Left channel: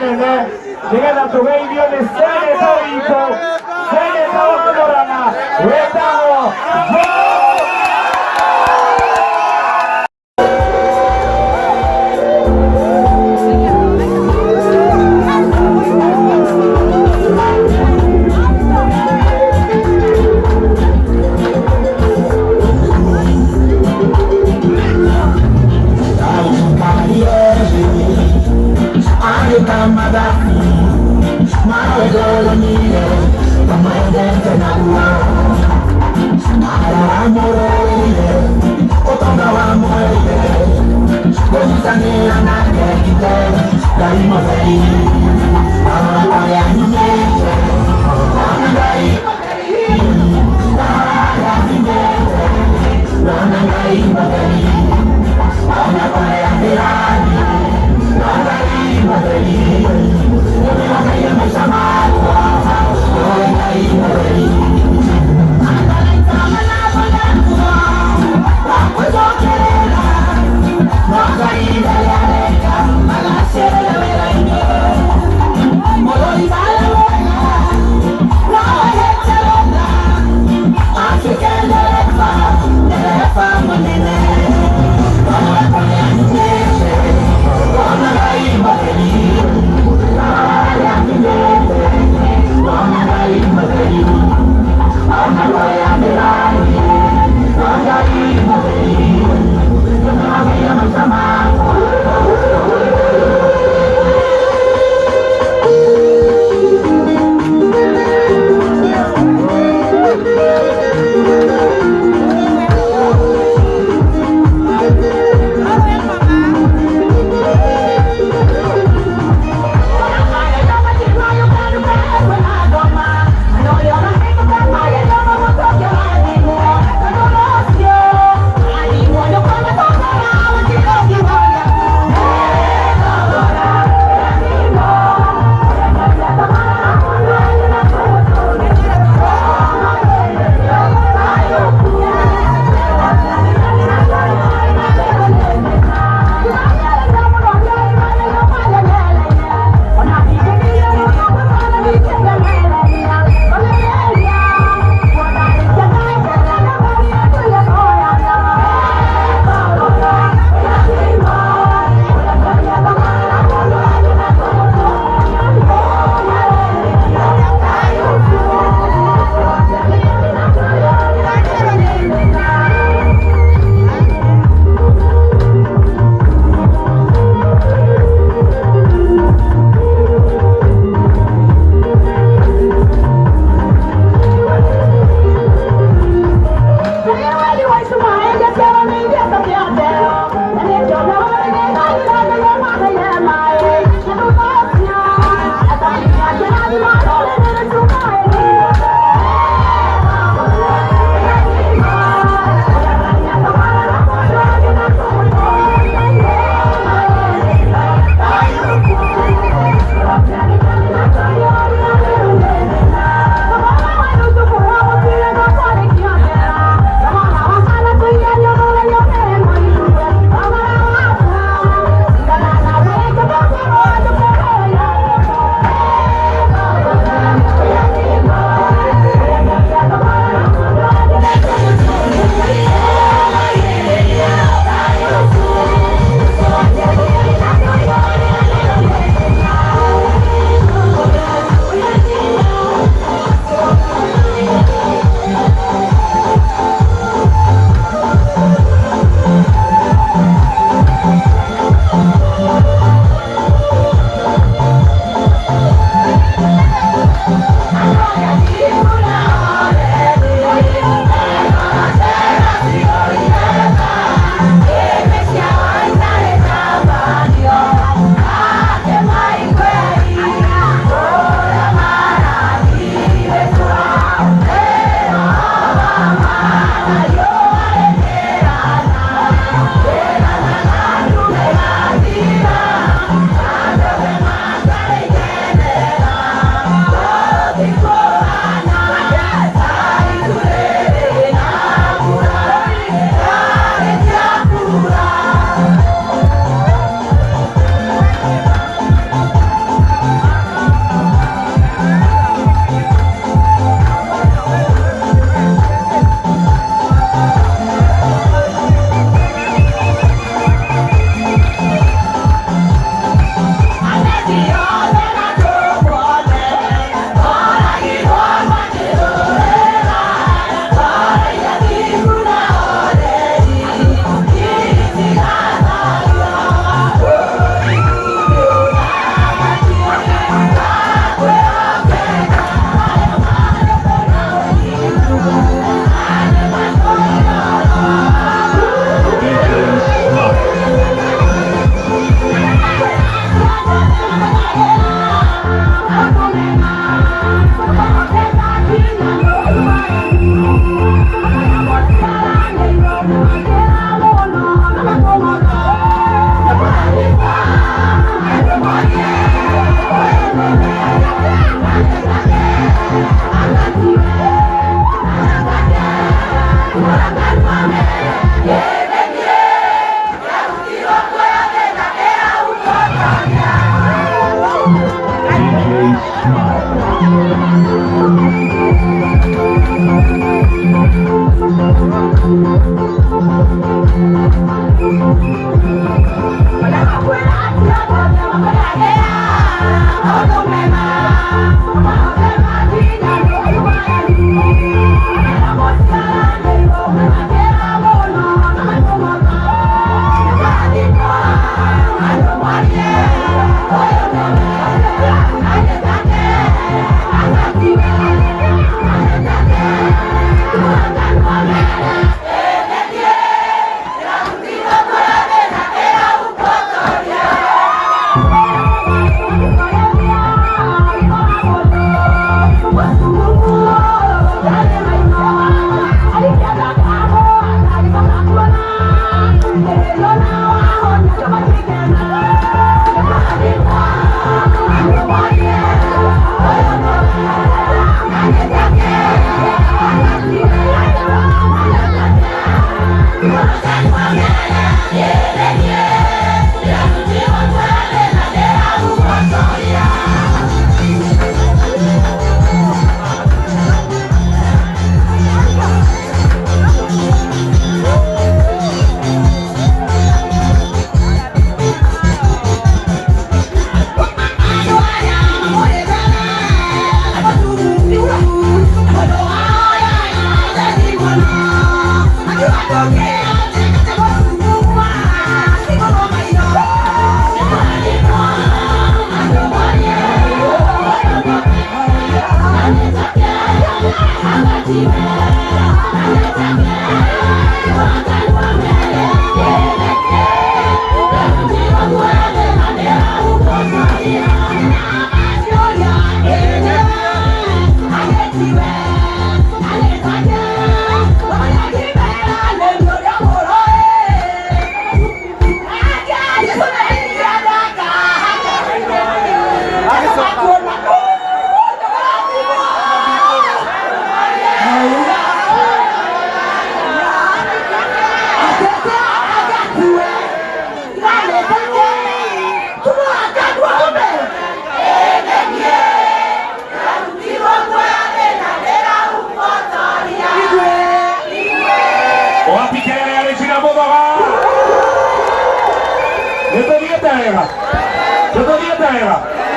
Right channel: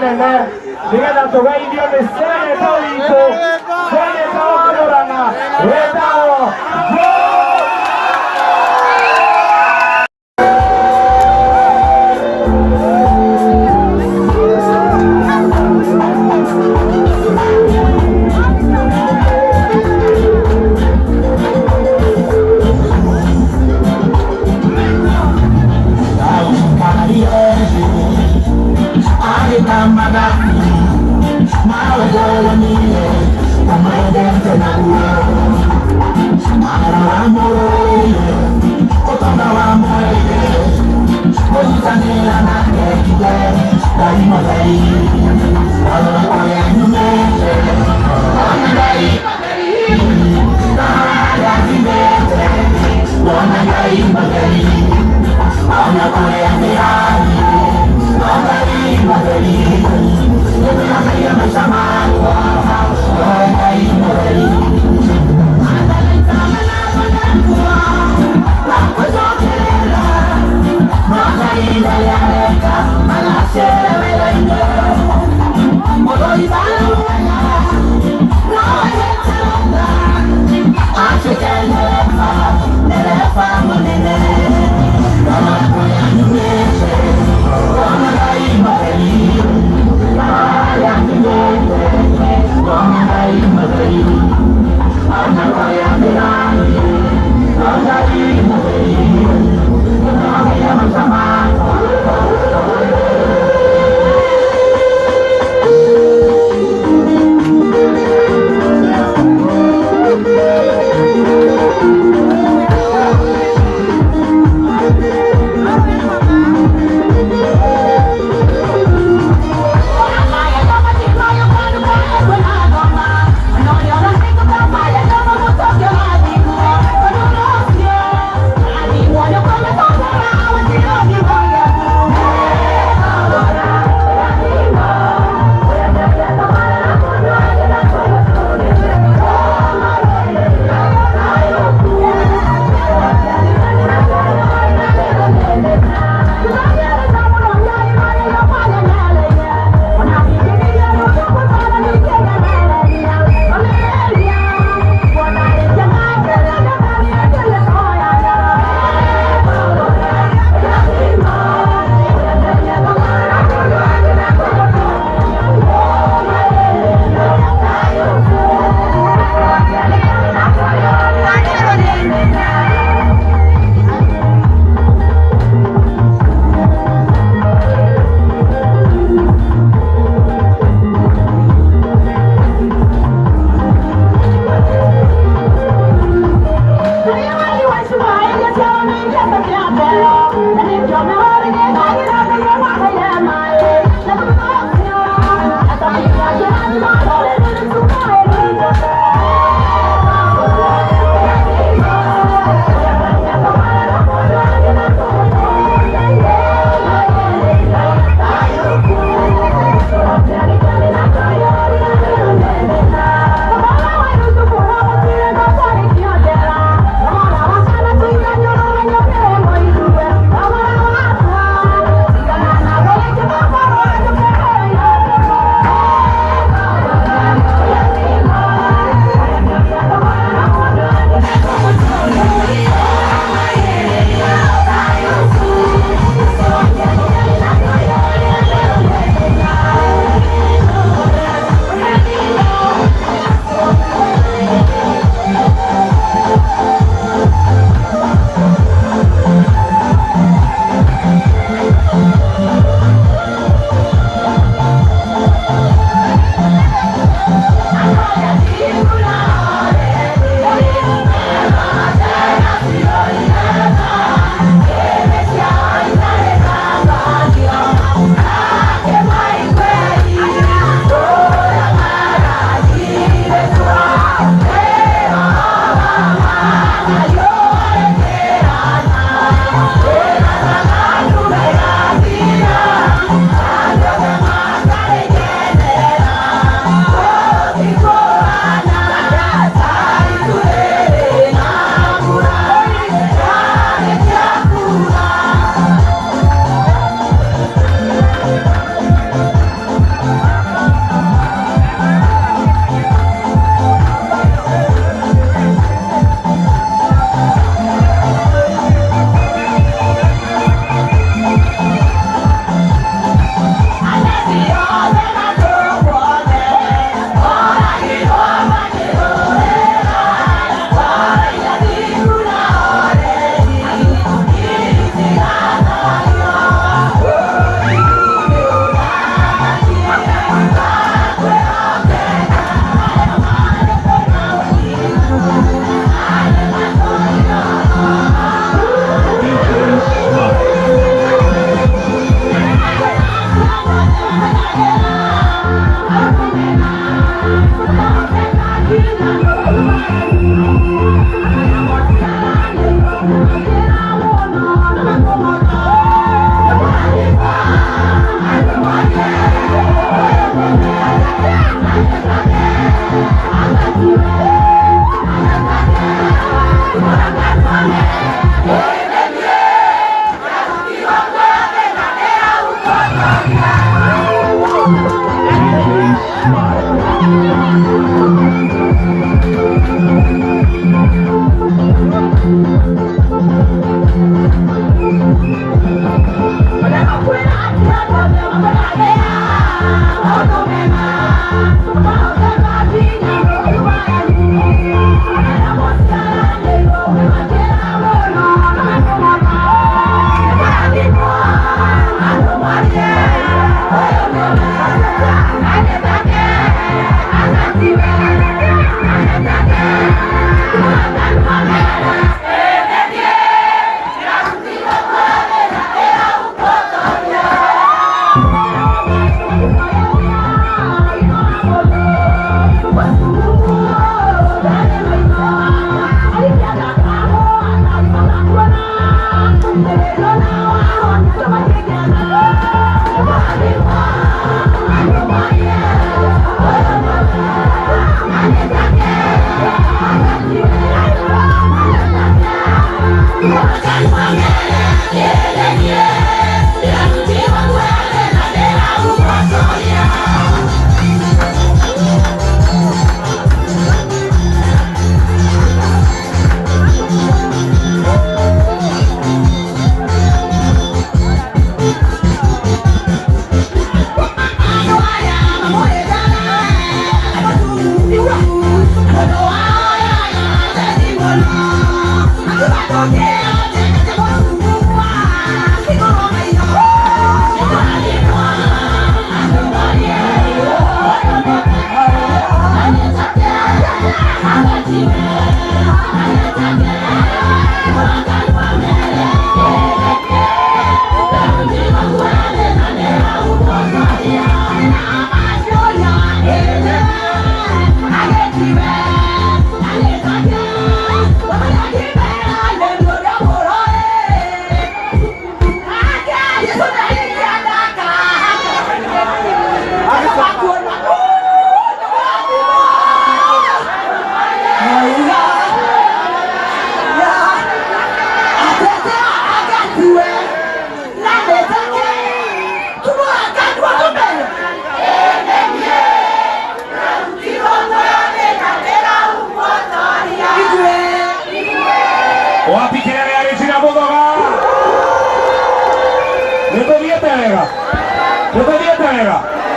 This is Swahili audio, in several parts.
nene nigetha tugeithio ni seneto witũ seneto wa Murang'a wetagwo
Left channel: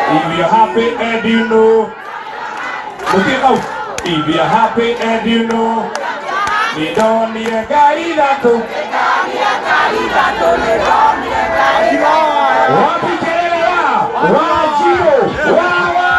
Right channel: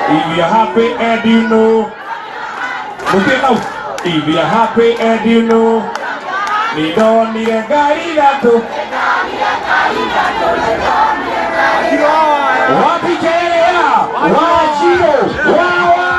If you're happy and you know, look at now. If you're happy and you know, ni don't need a guy gato. Wapi Kenya, Wajiro, Wawaya.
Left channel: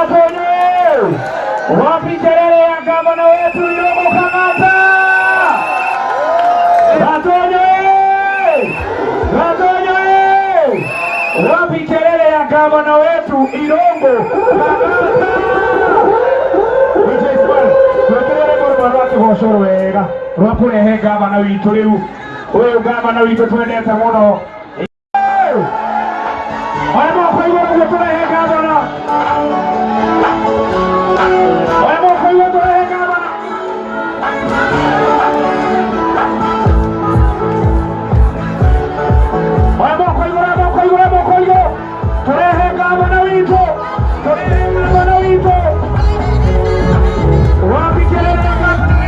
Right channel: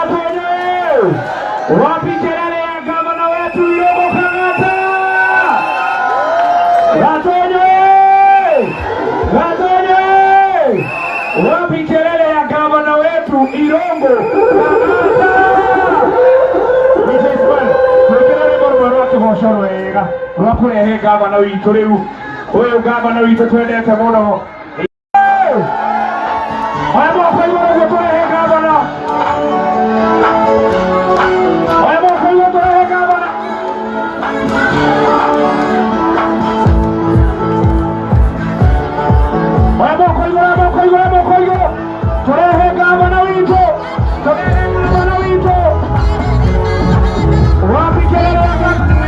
Atoenyo. Wapi kelele ya gavana wetu Irungu Kang'ata? Gatonye. Wapi kelele ya gavana wetu Irungu Kang'ata? Wega urakurehe gavana witu riu uyu gavana witu twendete muno aya moko iguru guo turehe gavana aya moko iguru turehe gavana aya moko iguru turehe gavana witu wapi kelele ya gavana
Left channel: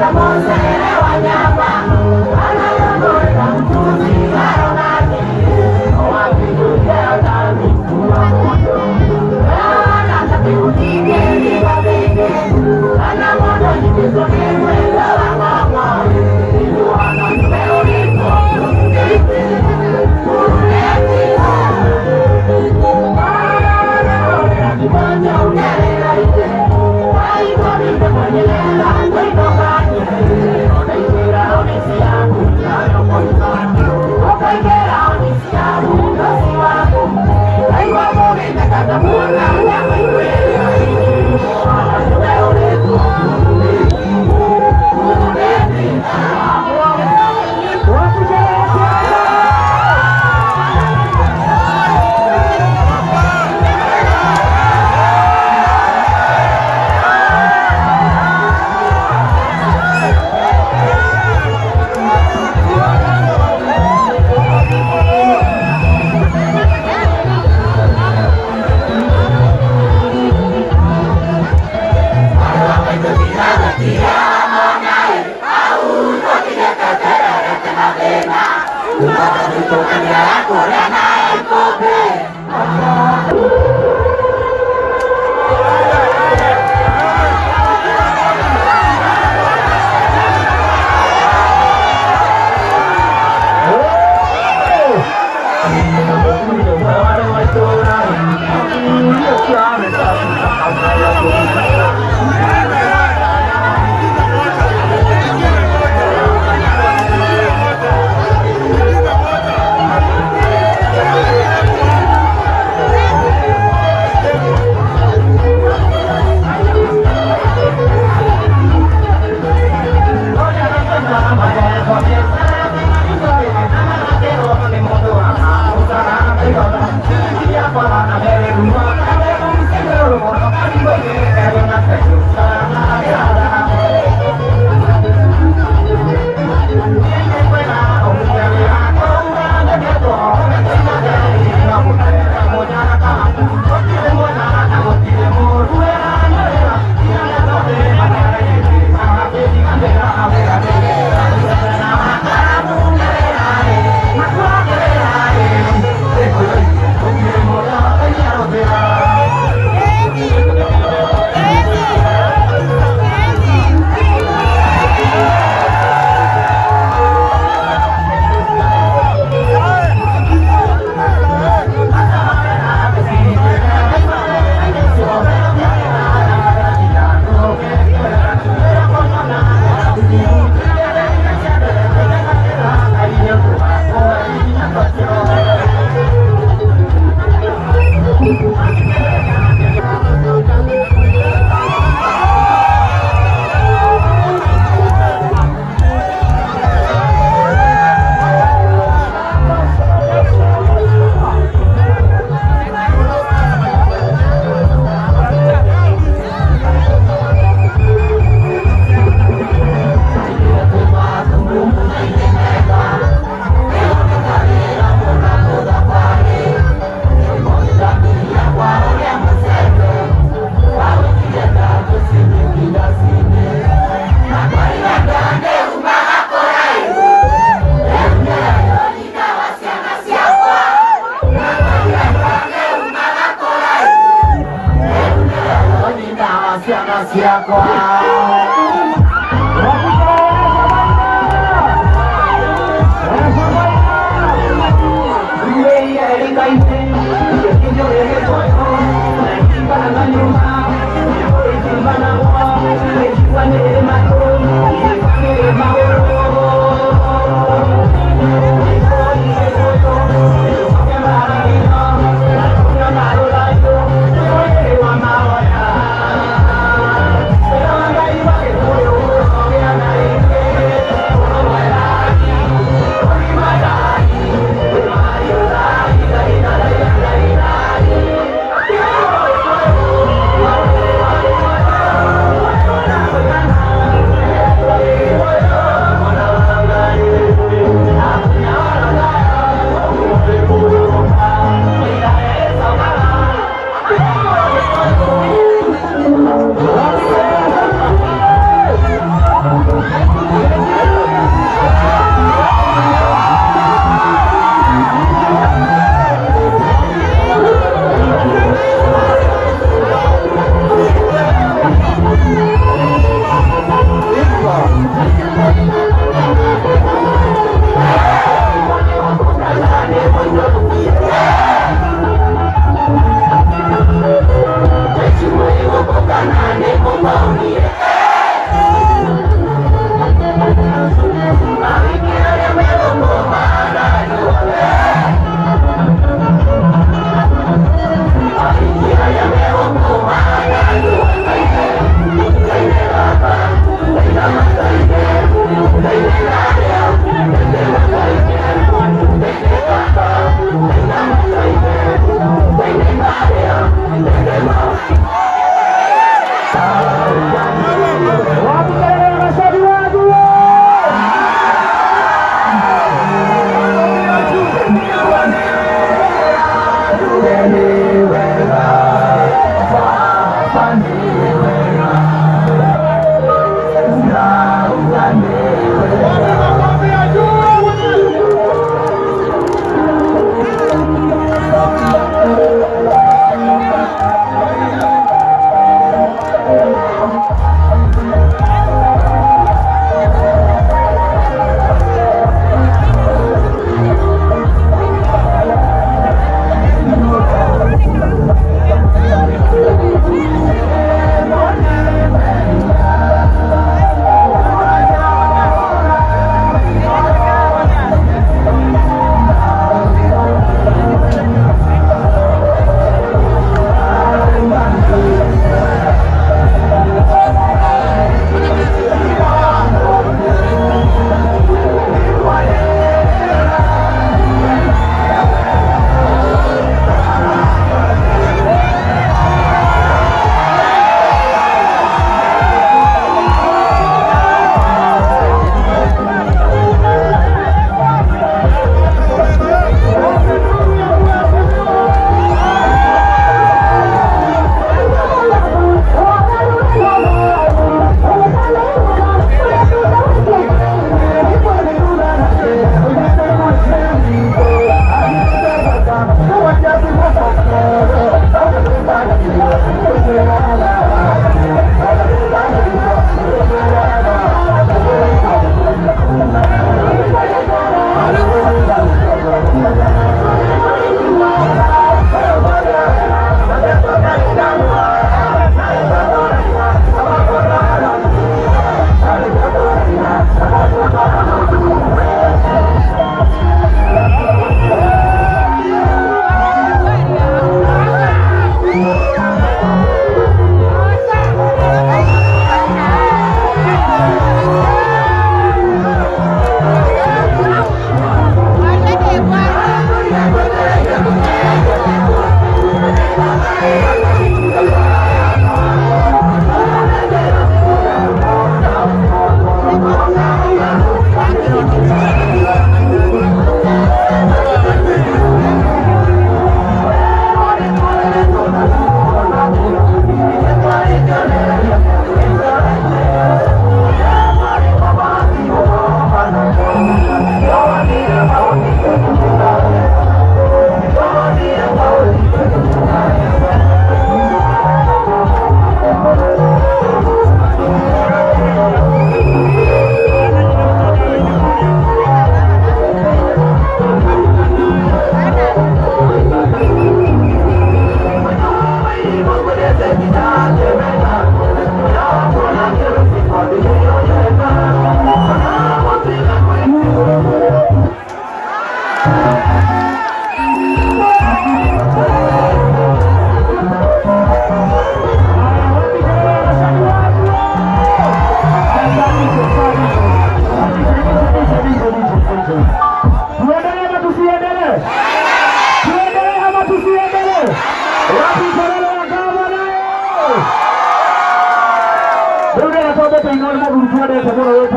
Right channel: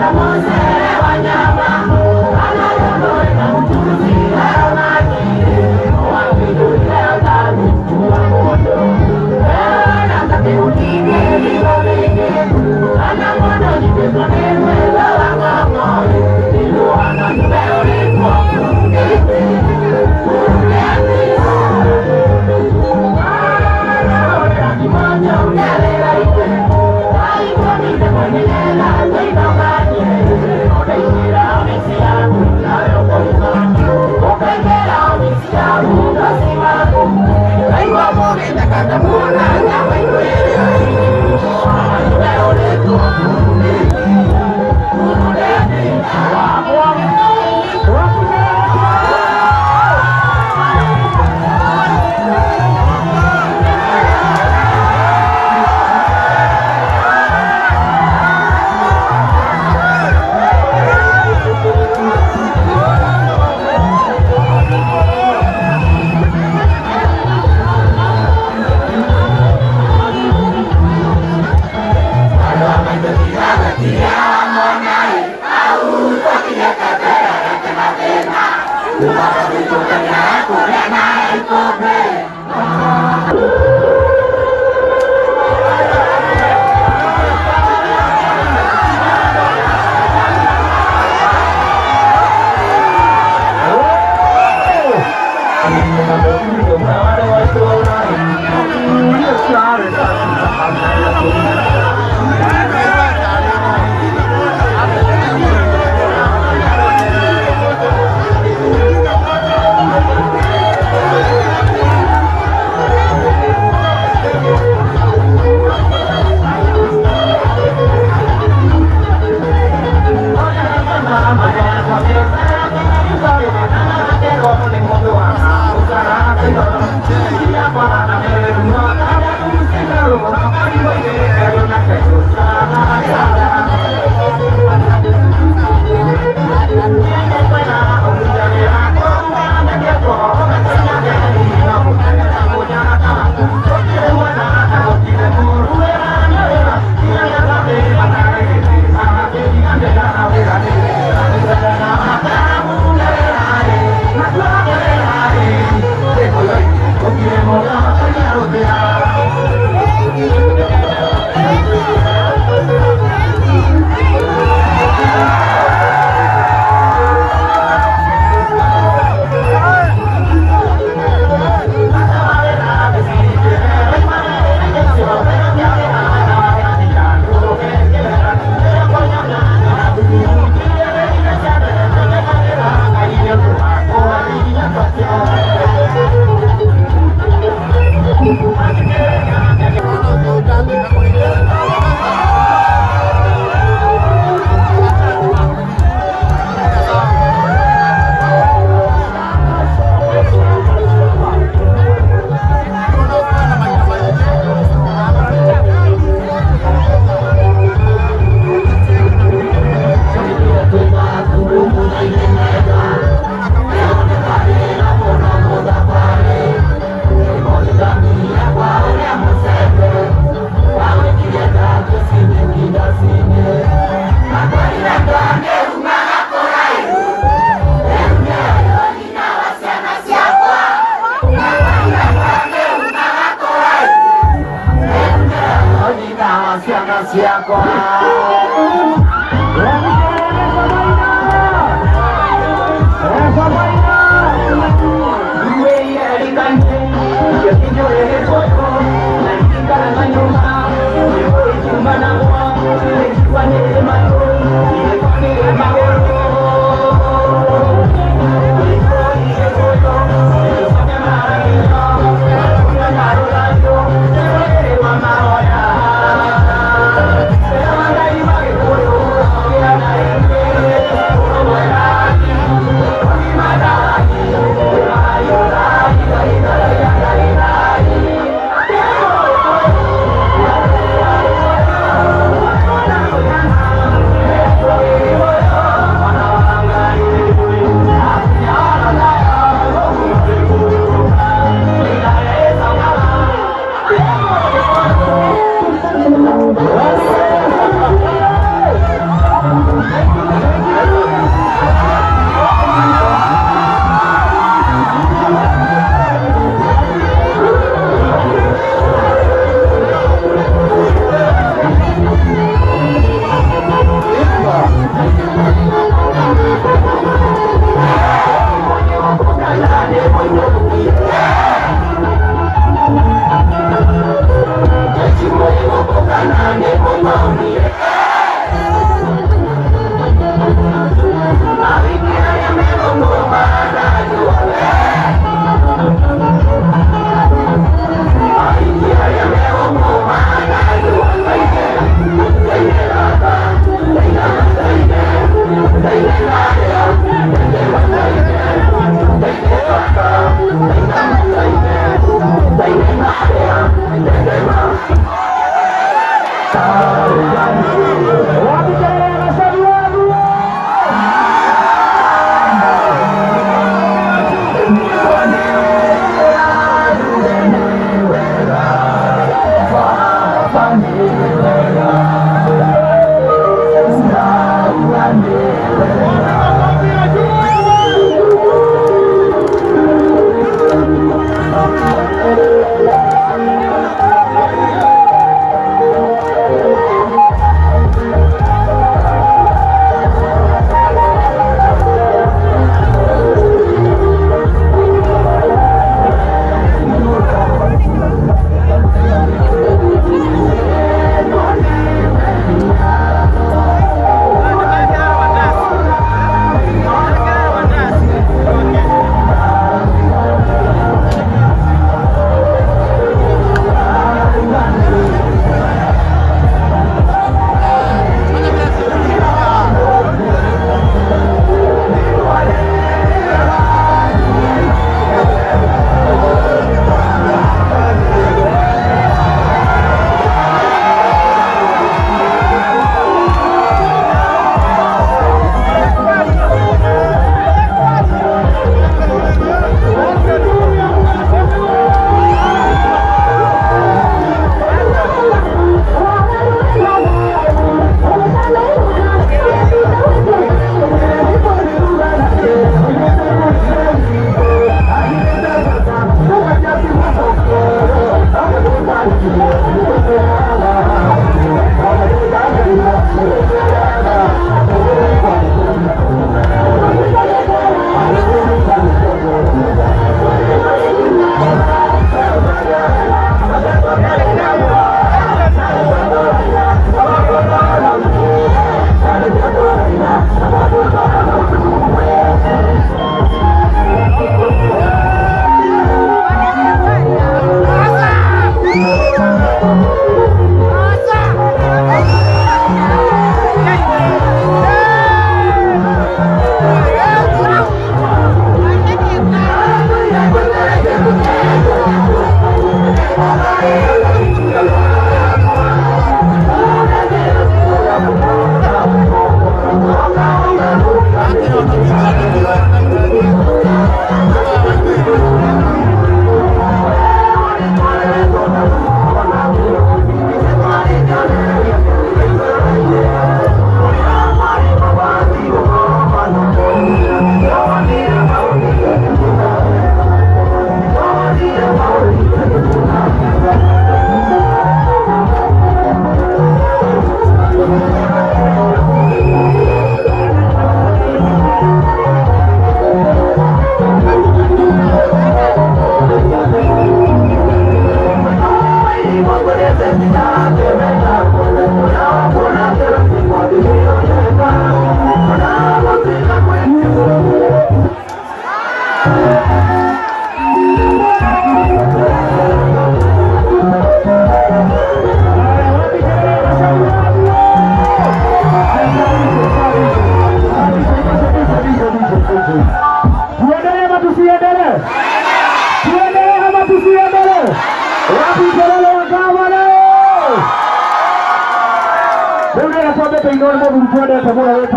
Come on,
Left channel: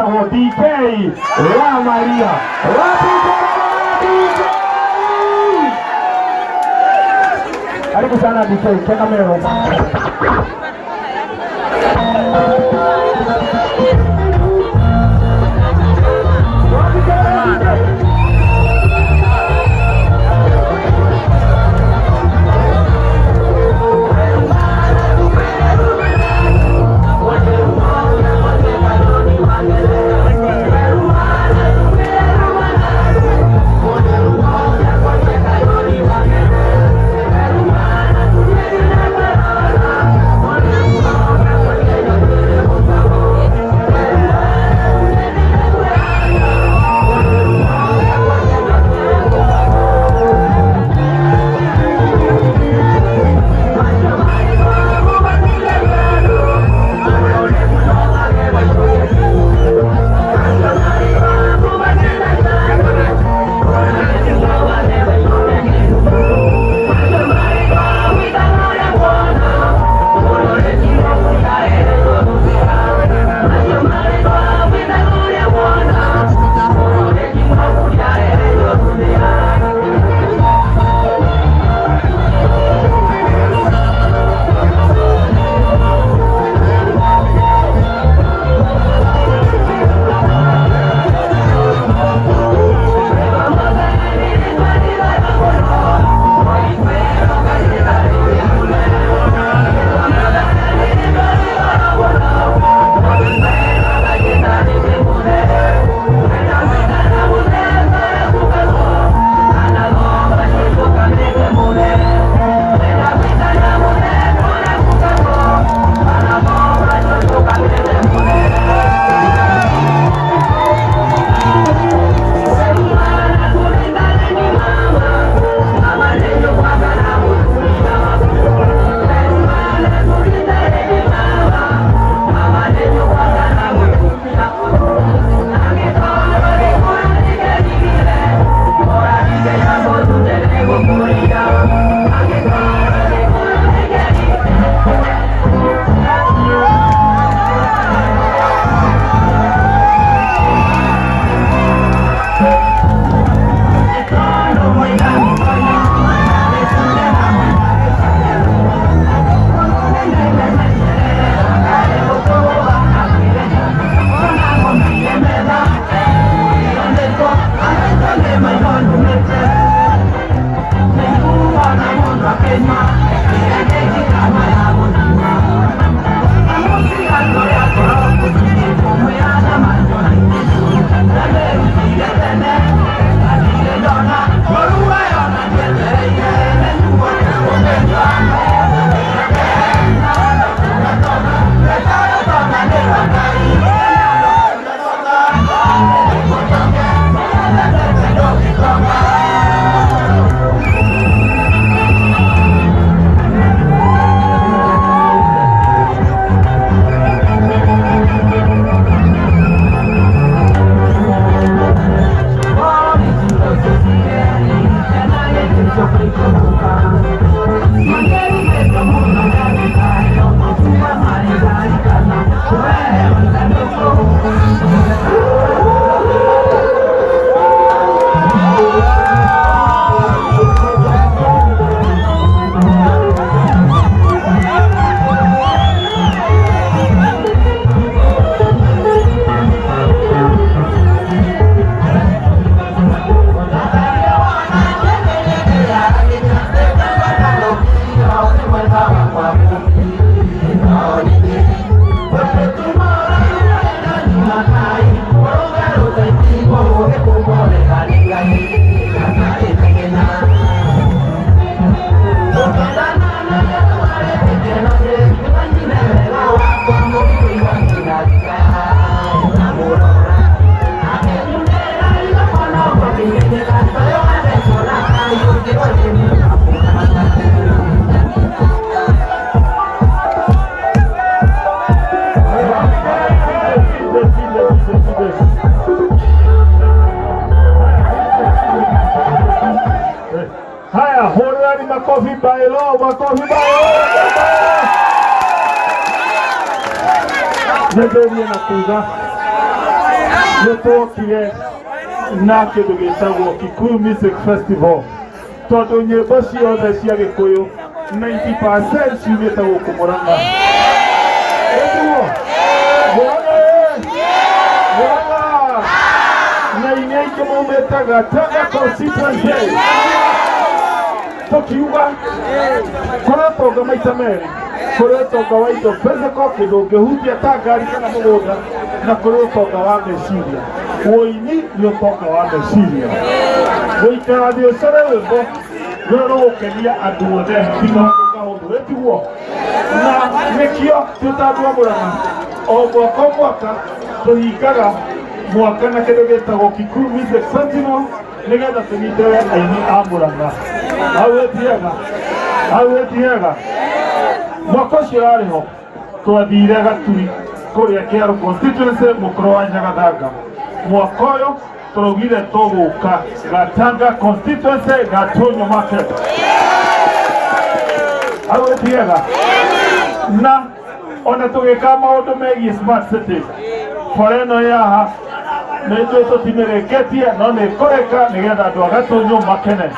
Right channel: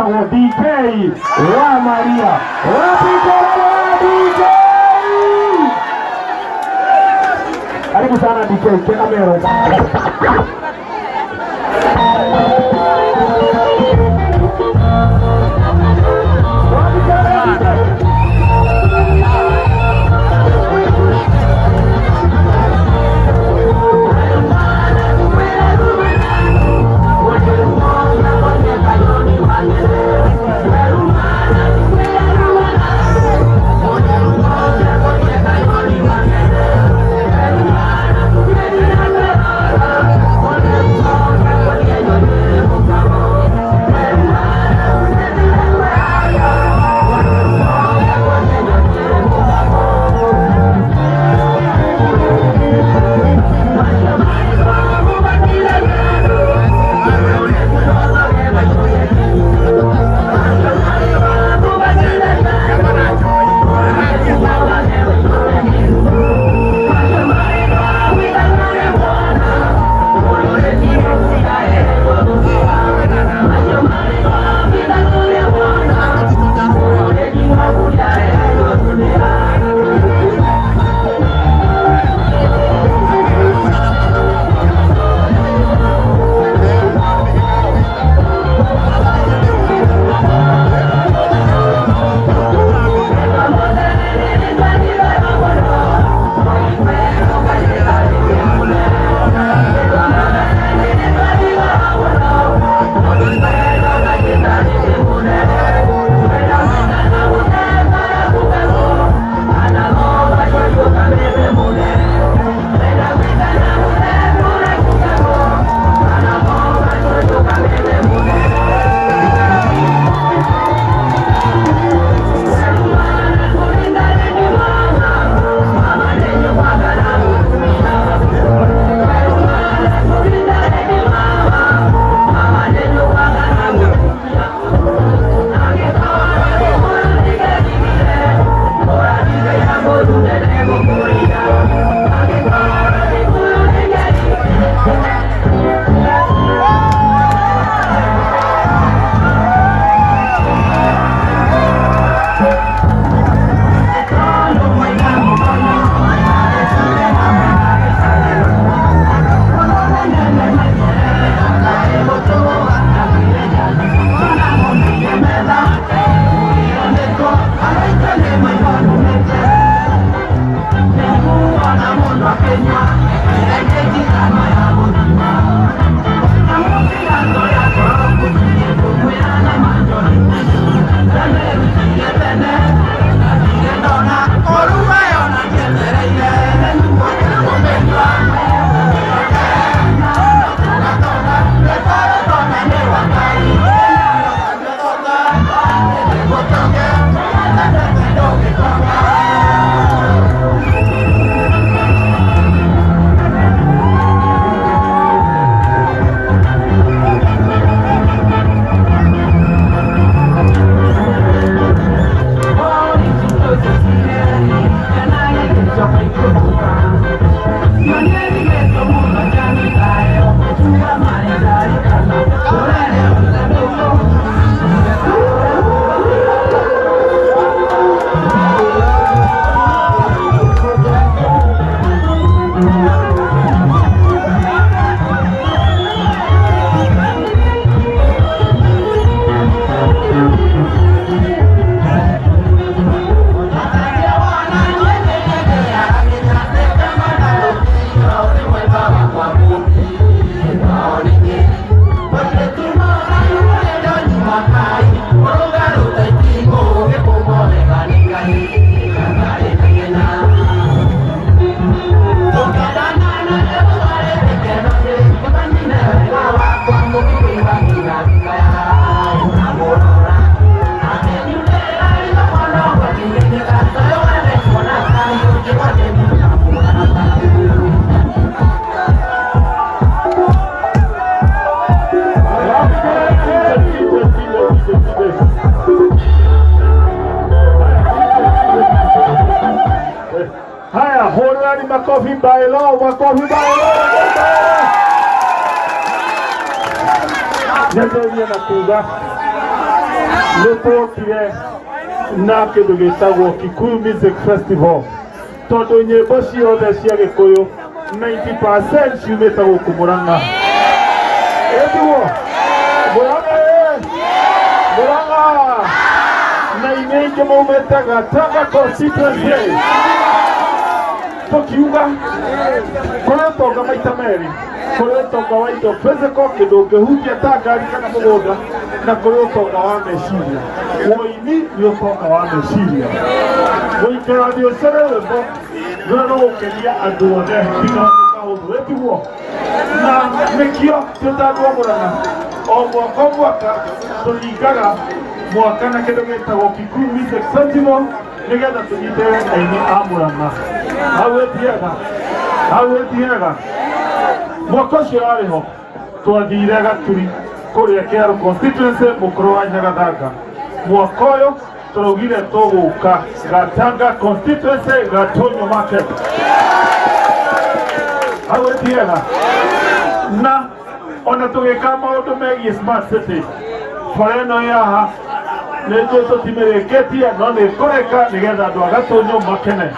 etagwo DK wa Maria DK. Karibu sana DK, kena mero. makofi bailo, makofi bailo. Ndio nakuja. nĩtwokire na kĩndũ gĩtagwo Kikuyu Music Festival tondũ nyĩmbo ciothe cia Gĩkũyũ 90% ciumĩte gũkũ Mũrang'a. Ĩtiguo Mũrang'a na inya ingĩ maumĩte Gatanga constituency. Tukiuga kũrĩ ũtonga maita merĩ, kũrĩ ũtonga wa indo physical kĩndũ ũngĩhutia ta ngari kana mũgũnda, na kũrĩ ũtonga wa meciria. Ũini nĩ ũtonga wa meciria. Gũikara thĩ ũcore rwĩmbo rũrĩa rũgũkenia andũ othe tiga kaũndũ. Ĩtiguo na nĩkĩo tũtandwo Mũrang'a o mwaka tũhingaga mwaka na kĩndũ gĩtagwo Kikuyu Music Festival nĩgetha tũnyitĩrĩre aini a Mũrang'a. Hau ĩtiega mwaka ũcio yarĩ ho twathire Gaturi kũrĩa Kĩaru constituency mũkũrũ wa Nyagathanga. Mwaka ũyũ tũraugire tũgũka Gatanga constituency Gatunyo market. Hau ĩtiega na ona tũgĩka maũndũ megiĩ smart city. Bara ĩno yaha nĩtũ tũtimĩrĩkĩtie no nĩkũrĩka nĩgetha andũ a Gatunyo makene.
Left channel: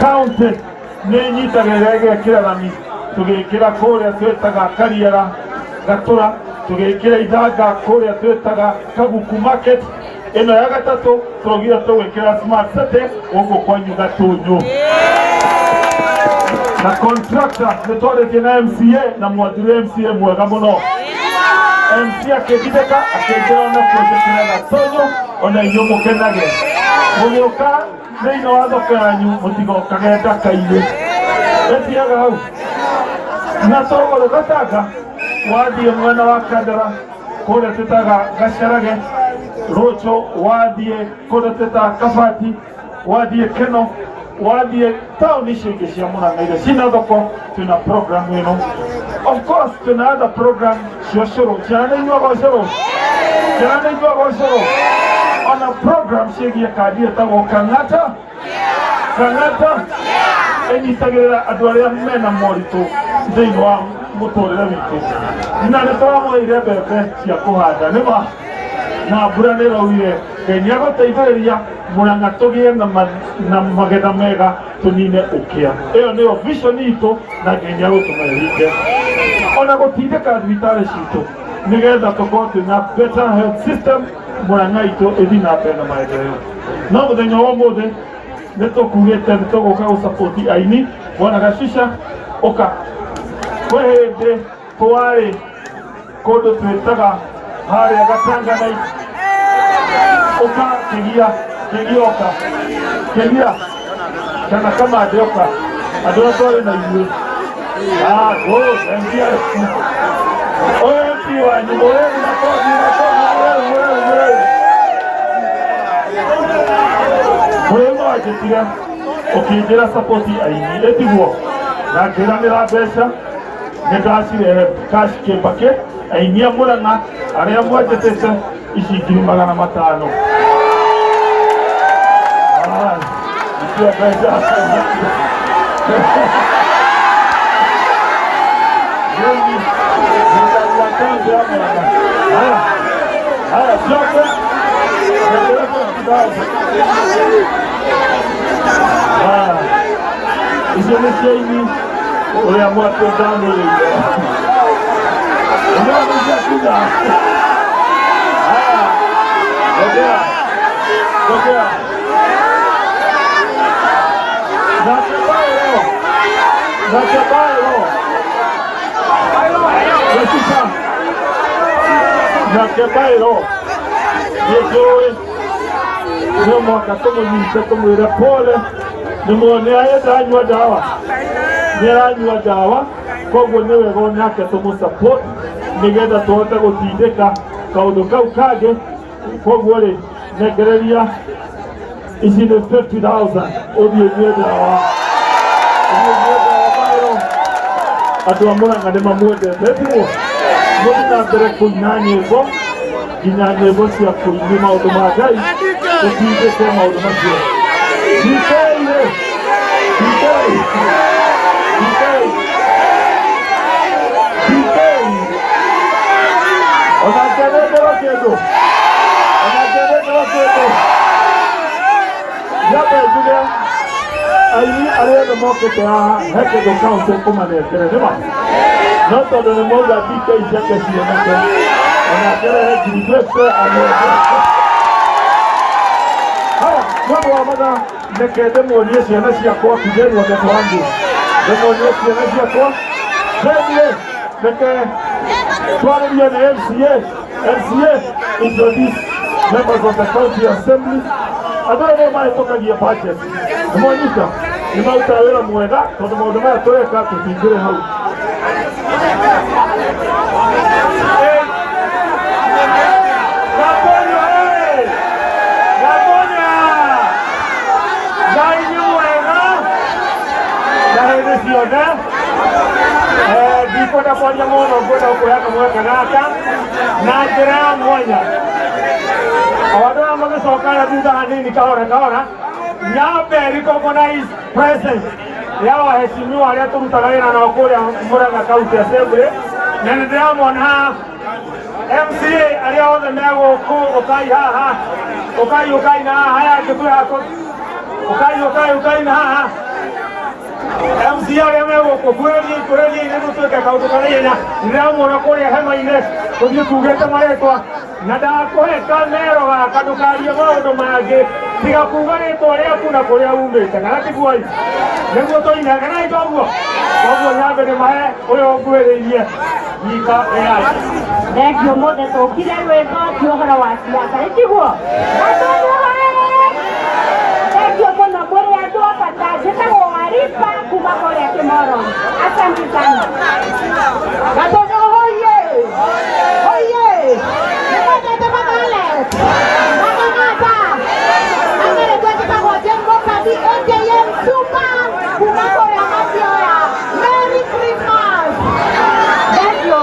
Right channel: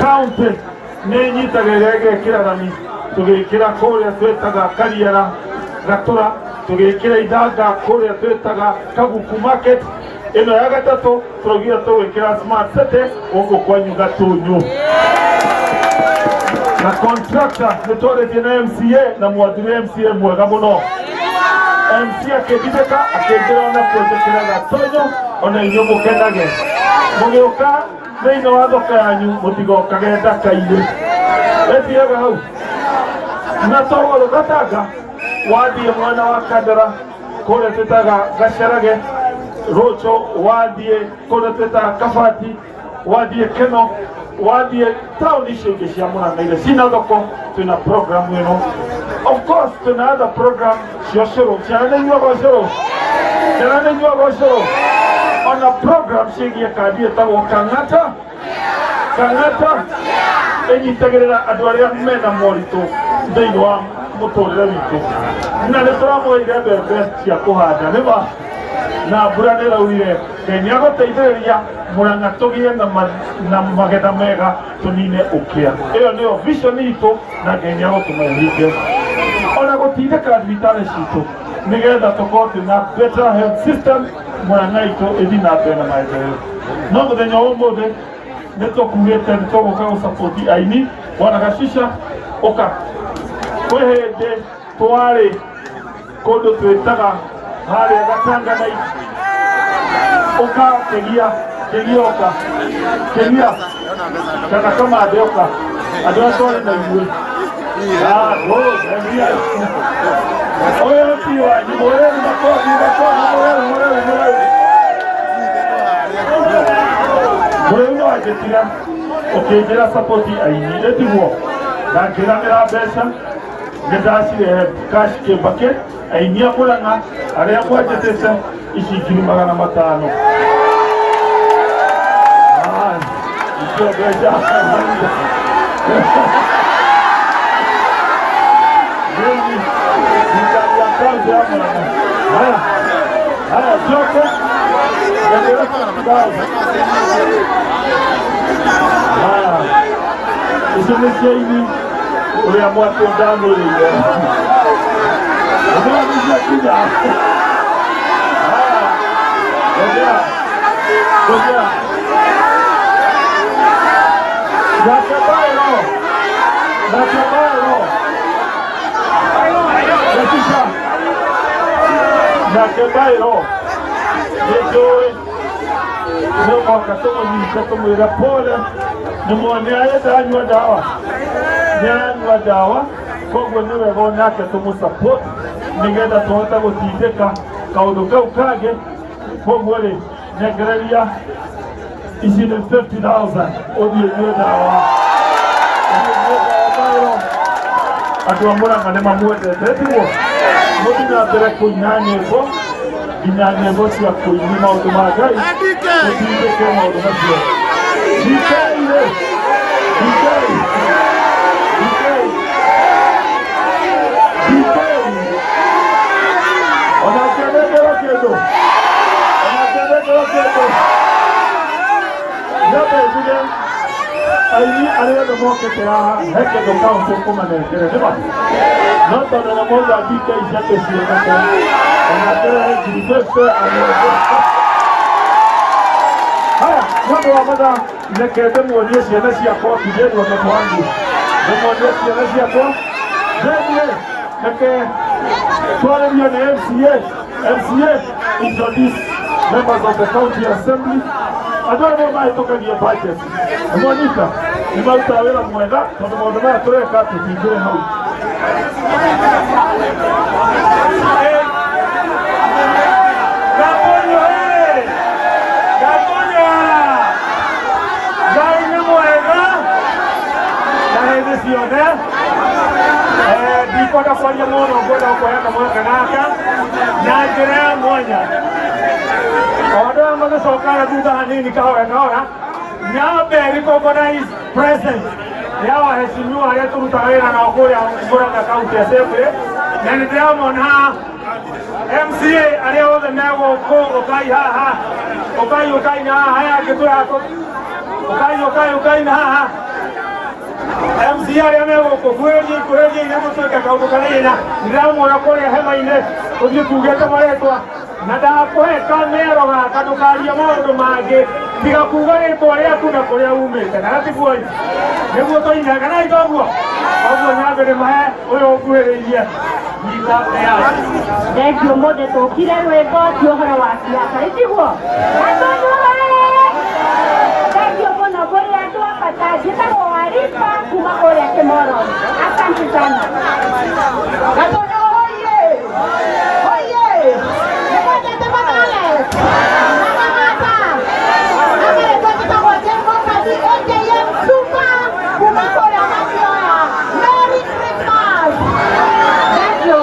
County nĩ nyitagĩrĩra ĩgekĩra rami, tũgĩkĩra kũrĩa twĩtaga Kariara Gatũra, tũgĩkĩra Ithanga kũrĩa twĩtaga Kabuku market. Ĩno ya gatatũ tũraugire tũgwĩkĩra smart city gũkũ kwanyu Gatunyo. Na contractor nĩtwarĩtie na MCA na mwathire MCA mwega mũno. MCA akĩndithĩka akĩnjĩra ona twĩtĩkĩra Gatunyo ona inyuĩ mũkenage. Mũgĩũka thĩinĩ wa thoko yanyu mũtigokage ndaka-inĩ. Ĩtiega hau na togoro Gatanga wathiĩ mwena wa Kandara kũrĩa twĩtaga Gacarage, Rocho, wathiĩ kũrĩa twĩtaga Kabati, wathiĩ Keno, wathiĩ taũni icio ingĩ cia Mũrang'a iria ciĩna thoko, twĩna program ĩno. Of course twĩna other program cia ũcũrũ. Ciana nĩinyuaga ũcũrũ? Ciana nĩinyuaga ũcũrũ? Ona program ciĩgiĩ kandi ĩtagwo Kang'ata. Kang'ata ĩnyitagĩrĩra andũ arĩa mena moritũ thĩinĩ wa mũtũrĩre witũ. Na nĩtũramũheire mbembe cia kũhanda nĩma na mbura nĩraurire. Ngai nĩagũteithĩrĩria Mũrang'a tũgĩe na magetha mega tũnine ũkĩa. Ĩyo nĩyo vision itũ na Ngai nĩagũtũma ĩhinge. Ona gũtindĩka thibitarĩ citũ nĩgetha tũkorwo twĩna better health system Mũrang'a itũ ĩthiĩ na mbere na maendeleo. No mũthenya wa ũmũthĩ nĩtũkugĩte nĩtũgũka gũsapoti aini. Bwana Gacica ũka. Kwĩ hĩndĩ twarĩ kũndũ twĩtaga harĩa Gatanga night. Ũka Kĩgia ũka. Kĩgia kana Kamande ũka. Andũ arĩa twarĩ na inyuĩ. Oye ti wanyu mũrĩu na kothi mũrĩu no anjĩtire ũkĩnjĩra sapoti aini. Ĩtiguo na ngĩranĩra mbeca nĩndacirehe cash kĩmbakĩ aini a Mũrang'a arĩa mwanjĩtĩte ici 500,000. Icio mbeca icio nĩ ciaini ũrĩa mwatũ ndamĩrĩire. Ũmwagĩcia ngojera Nakebairo Gacica Nakebairo nĩnjũĩ nĩ mwaka tũmũnyite tũmwĩre pole. Nĩmuone ndanyua ndawa, nĩaranyua ndawa, koguo nĩ wega onake tũmũsupport nĩgetha tũhote gũtindĩka kaũndũ kau kangĩ. Koguo rĩ nengereria ici nĩ 50,000 ũthiĩ nyue ndawa. Andũ a Mũrang'a nĩ mamwendete. Ĩtiguo mũthiĩ na mbere kũina nyĩmbo nginya nyĩmbo cia kũini maũndũ ma Ngai tũtindĩke maũndũ macio. Ona kĩrĩndĩ Anakendero kiedo. Anakendero kiedo. Yabe juge. Ayi ariyo moke ta heke do kaunto kuma ne kere neba. Noto do moza bike ishake sinete. Anakendero kidibese alo. Haya, ndio wamada nekede muonyeshe nasi yako kideni wakati wangu. Muonyeshe nasi yako. Then neke twali ya MCA. MCA introduce members of the county assembly. I don't know why I talk about your budget. Monica, you might tell me Monica, so the Monica to a cut to be good home. Biko da kwa mono godo kwa yaka mwaka naka na gira mwanya odo amago sokara duda hanini kaora nyabe recognize presence yawa heshimiwa leo tumtawena na okole Murang'a County Assembly na ndio mona MCA aliyoanza nayo okai ha okai na haya kitu hapo okai na ha MCA yamewo kweli ndio tutoka kwa utokalena ndio mona kole hema ile tugeta maletwa na dakohe kamero ga kadukaria maundu mange tiga kuga ritwa riaku na kuria umite kana tiguo niguo toina kana itoguo oguo nyambe mahe uyo ngwiririe nyika ya thengio mothe tukire rwimbo kiohoro wa siasa itiguo thengio muno kuri andu abata njitagwo Waripa kuma kuria Kimoro. Asante sana gatonyo hoye Merry Christmas! Thank you.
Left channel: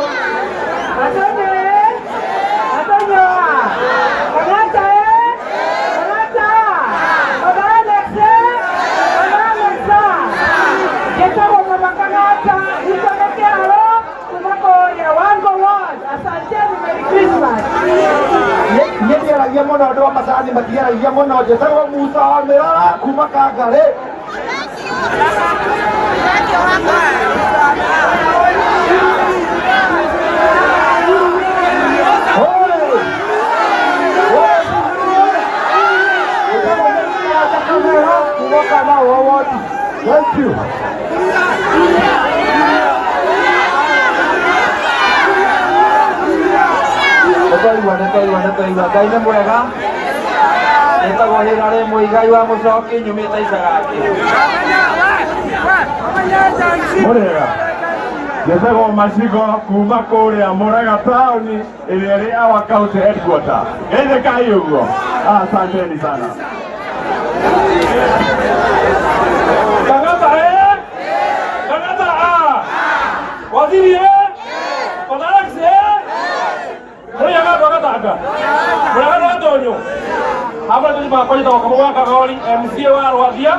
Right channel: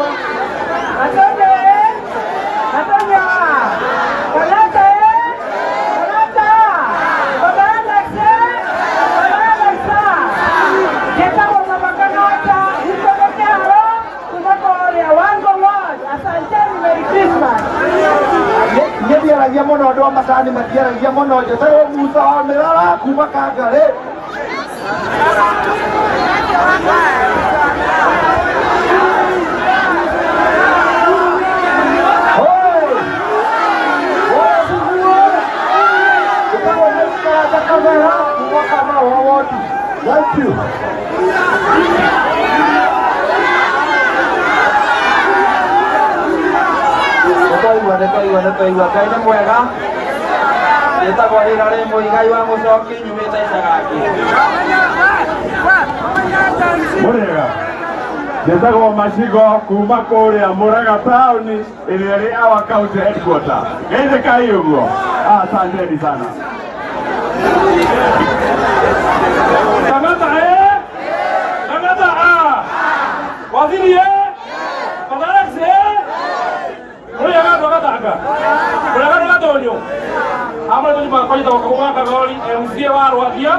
Yeye mono ndo masani matiara yeye mono jetaro Musa Merara kuma Kangare. Thank you. Nekaiwa kaine mwega etagwo nĩ rarĩ mũigai wa mũcoki nyumĩte icagaki mwega njĩtagwo Macigo kuma kũrĩa Murang'a taũni ĩrĩa ĩrĩ our county headquarter geithĩkai ũguo asanteni sana Tangata waziri Amo tu ba kwani toka kwa kagoli MCA wa Rwadia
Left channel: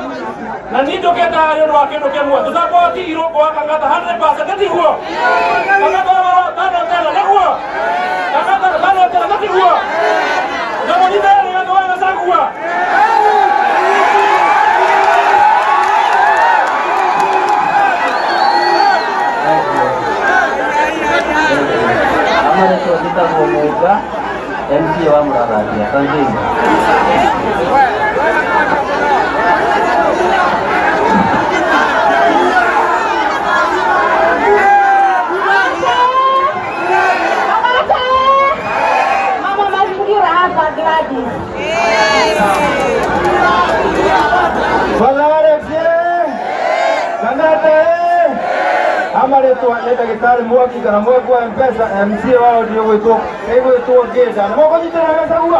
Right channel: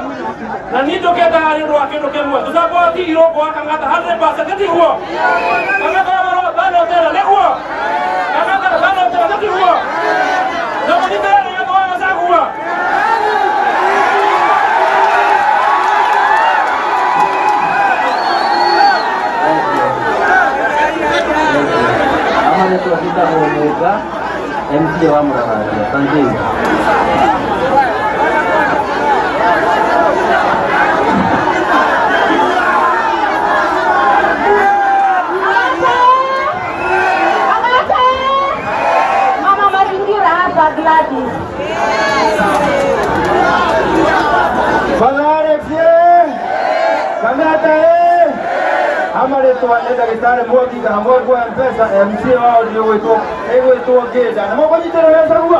na nito kenda ari ndo akendo kemwa tuzapo ti iro kwa kangata 100% kati huo kangata ro dano tela le huo kangata dano tela kati huo na moni tela ya kwa za huo amane tu kita ngomoga MCA wa Murang'a. Thank you. Mama mazingira hapa Gladys. Amaretwa ndagĩtarĩ Mwangi kana Mwangi wa M-Pesa MCA wao nĩ gwĩtwo Ngĩnda na mũkũnyitĩra mbeca guo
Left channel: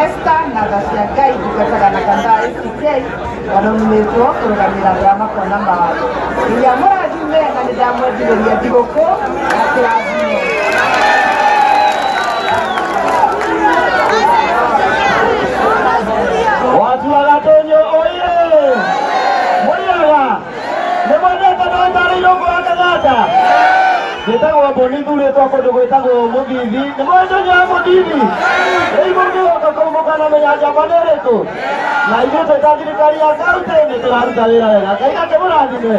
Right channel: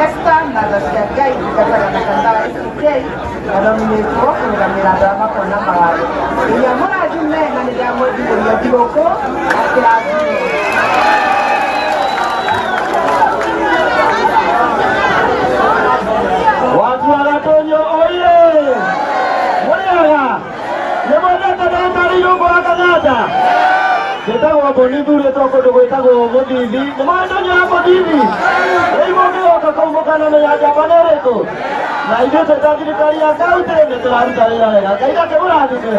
Esta nada se acá y que para la cantar FK anominĩtwo kũrũgamĩrĩra andũ arĩa makona mawatho. Iria mũrathime na nĩndamwendithĩria thigũkũ na kĩrathimo. Watu wa Gatonyo oye! Mwenyaga! Nĩmwendete ndagĩtarĩ Irũngũ wa Kenyatta? Ndĩtagwo Mbũni thurĩtwo kũndũ gwĩtagwo Mũthithi. Nĩmwendete Mũthithi? Rĩu mũngĩgoka kũu mũkanamenya njamba nĩ ĩrĩkũ? Na ithuĩ twĩ ta thirikari ya kaũntĩ nĩtũraruta wĩra wega. Ngai akĩmũrathime.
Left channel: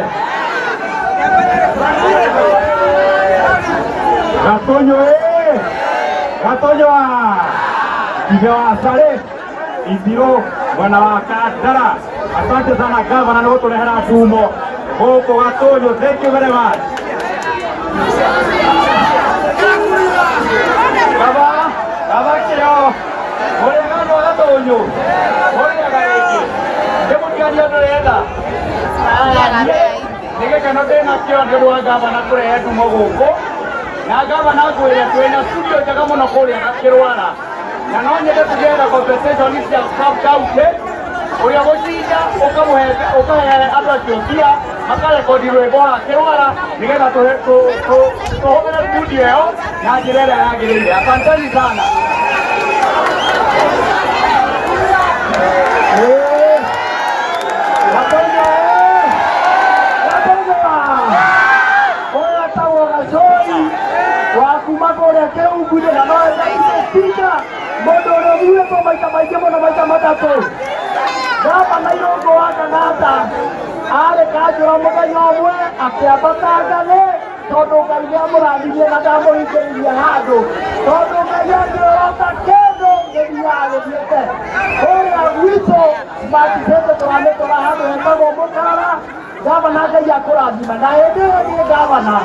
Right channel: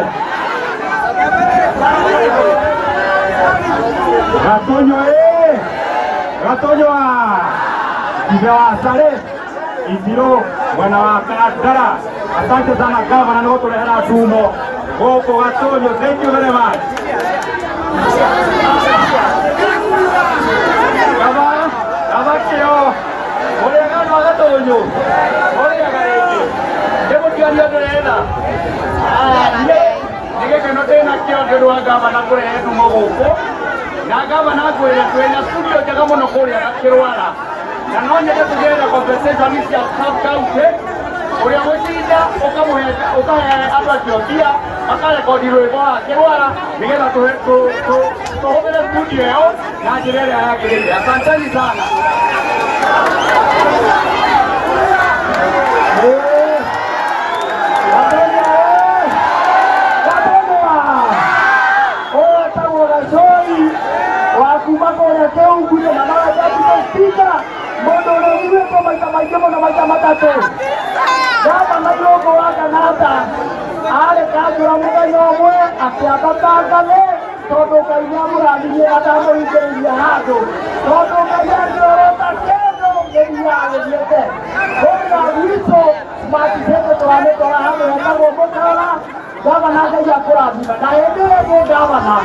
Gatonyo ĩ! Gatonyo ithe wa Sare Itiro mwana wa Kandara. Asante sana gavana nĩ gũtũrehera ndumo gũkũ Gatonyo. Thank you very much. Gava kĩo mũrĩgano wa Gatonyo mũrĩaga rĩngĩ ndĩmũkĩoria ũndũ renda nĩ gĩkeno ndĩnakĩo nĩ ũndũ wa gavana kũrehe ndumo gũkũ, na gavana ngwĩre twĩna studio njega mũno kũrĩa Gakĩrwara, na no nyende tũgĩetha compensation cia sub-county ũrĩa gũcinda ũkahe andũ acio mbia makarekondi rwĩmbo wa Gakĩrwara nĩgetha tũhũthĩre studio ĩyo na njĩra ĩrĩa yagĩrĩire. Asanteni sana. Wakuma kũrĩa Kĩungu-inĩ na magacaite spika mũndũ ũrĩa ũiguĩtwo maita maingĩ mũno maita matatũ. Gavana Irũngũ wa Kenyatta arĩ Kanjũra mũthenya ũmwe akĩambata ngano tondũ Ngai nĩamũrathimire na ndamũhingĩrĩirie handũ, tondũ Ngai angĩorota kĩndũ gĩthiaga gĩthiĩte. Kũrĩa gwitũ Smart City tũramĩtwara handũ hetagwo Mũkara, gavana Ngai akũrathima, na hĩndĩ ĩyo nĩ gavana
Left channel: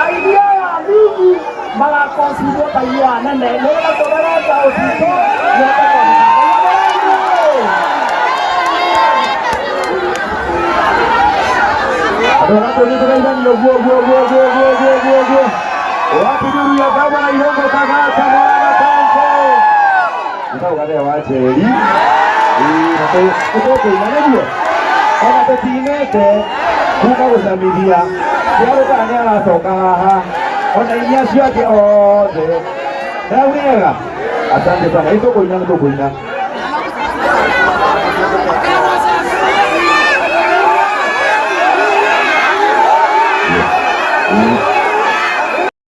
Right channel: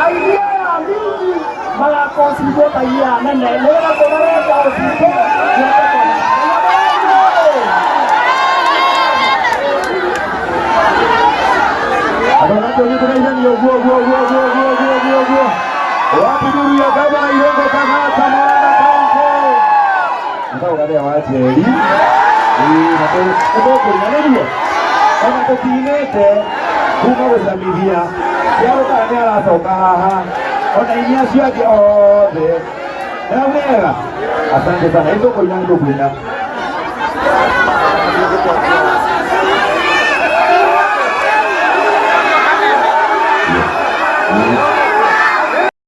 aithia nini magakonsidio ta iria nene nĩgetha tũgerenga ũcitũ nĩoke kwamũka. Andũ a Gatonyo tũgeithanie ũguo. Wapiduria gavana Irũngũ Kenyatta mwana kaunti. Nĩtagũgathĩa wa tĩri. Nĩtũkũina nĩguo. Ona tũtinĩte kuma gũcamithia cia gũkaya nĩ aracoka haha. Ona iria ciake othe. Nĩaugega. Asante sana. Nĩtũkũina.